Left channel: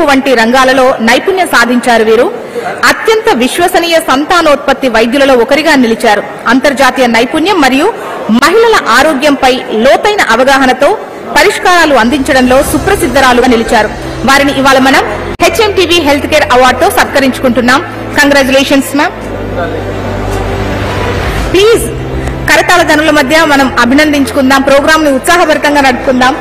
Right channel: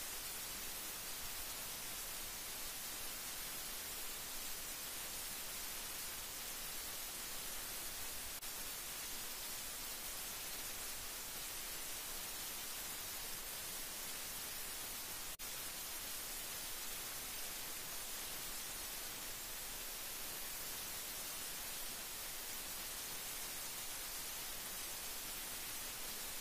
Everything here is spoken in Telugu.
పెంపు వంటి రంగాలలో నైపుణ్యం సాధించారు వీరు. అత్యంత విశ్వసనీయ సంతానోత్పత్తి వైద్యులలో ఒకరిగా నిలిచారు. అంతర్జాతీయ నైపుణ్యం మరియు మహిళల ఆరోగ్యంపై లోతైన అవగాహనతో పరిష్కారాలు అందించడంలో సుప్రసిద్ధరాలుగా నిలిచారు. వారిని ఇవాళ మనం హెచ్ఎంటీవీ హెల్త్ కేర్ అవార్డుతో సత్కరించుకుంటున్నాం. Congratulations ma'am. ప్లీజ్ కరతాళ ధనుల మధ్య మనం అభినందించుకుందాం. ప్రోగ్రామ్ ని ఉత్సాహభరితంగా నడుపుకుందాం.